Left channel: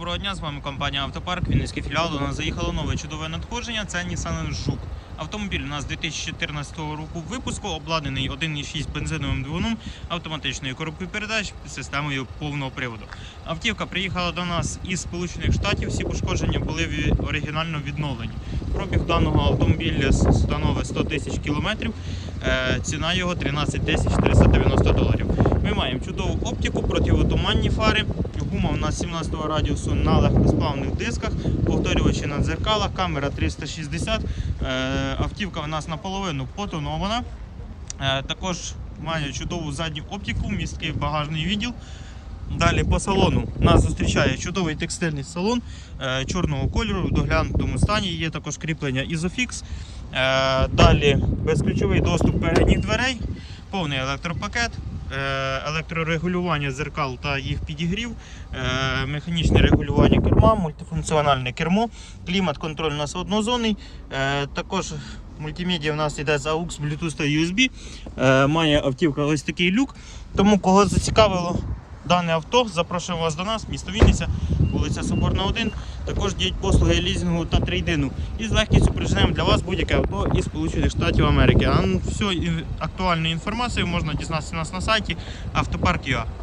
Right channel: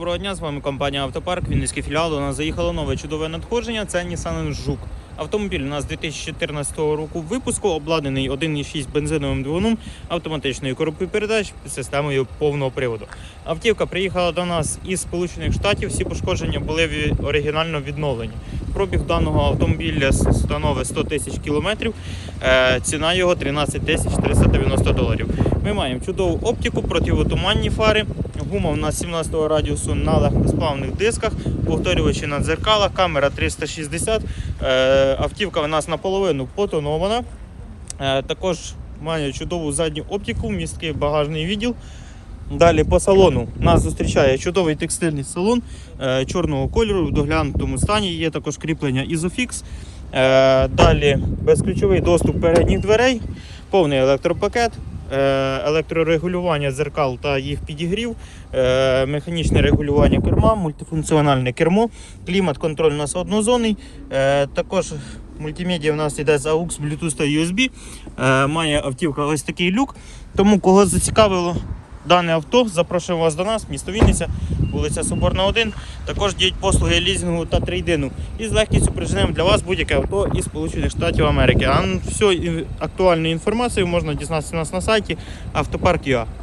Доброго дня, з вами компанія Автопарк, Вінницький філіал. У нас заїхало нове чудове надходження. Це Nissan Жук. Автомобіль у нас 2014 року випуску, обладнаний 1,6 бензиновим двигуном, автоматичною коробкою передач системою повного приводу. Автівка приїхала до нас із Сполучених Штатів. Всі пошкодження були оригінально відновлені. Пробіг даного автомобіля становить 100 тисяч кілометрів. Е, Ціна його 13 тисяч 390 доларів. Ми маємо чудову оптику, противотуманні фари. Гума у нас 17-го радіусу на легкосплавних дисках, повторювачі на дзеркалах, камера 360. Автівка у нас наполовину потонована. Е, Також має чудову задню оптику, місткий багажний відділ. Далі по салону нас зустрічає чудовий текстильний салон е, чорного кольору в доглянутому стані. Є також кріплення Isofix. Е, Далі безключовий доступ передніх дверей, повний електропакет, електрорегулювання зеркал та їх підігрів, е, механічне регулювання керма, мультифункціональне кермо, клімат-контроль у нас однозонний. Е, Також мультимедіа в нас йде з AUX, Bluetooth та USB. Е, Має автівка ось такий люк. Тому кого зацікавило дане авто, запрошуємо вас до нас, місто Вінниця, вулиця Соборна 1. Також діють послуги лізінгу та трейдину. І з легкістю приженемо для вас будь-яке авто із Сполучених Штатів Америки. А всю актуальну інформацію можна дізнатися у нас на сайті автопарк.ua.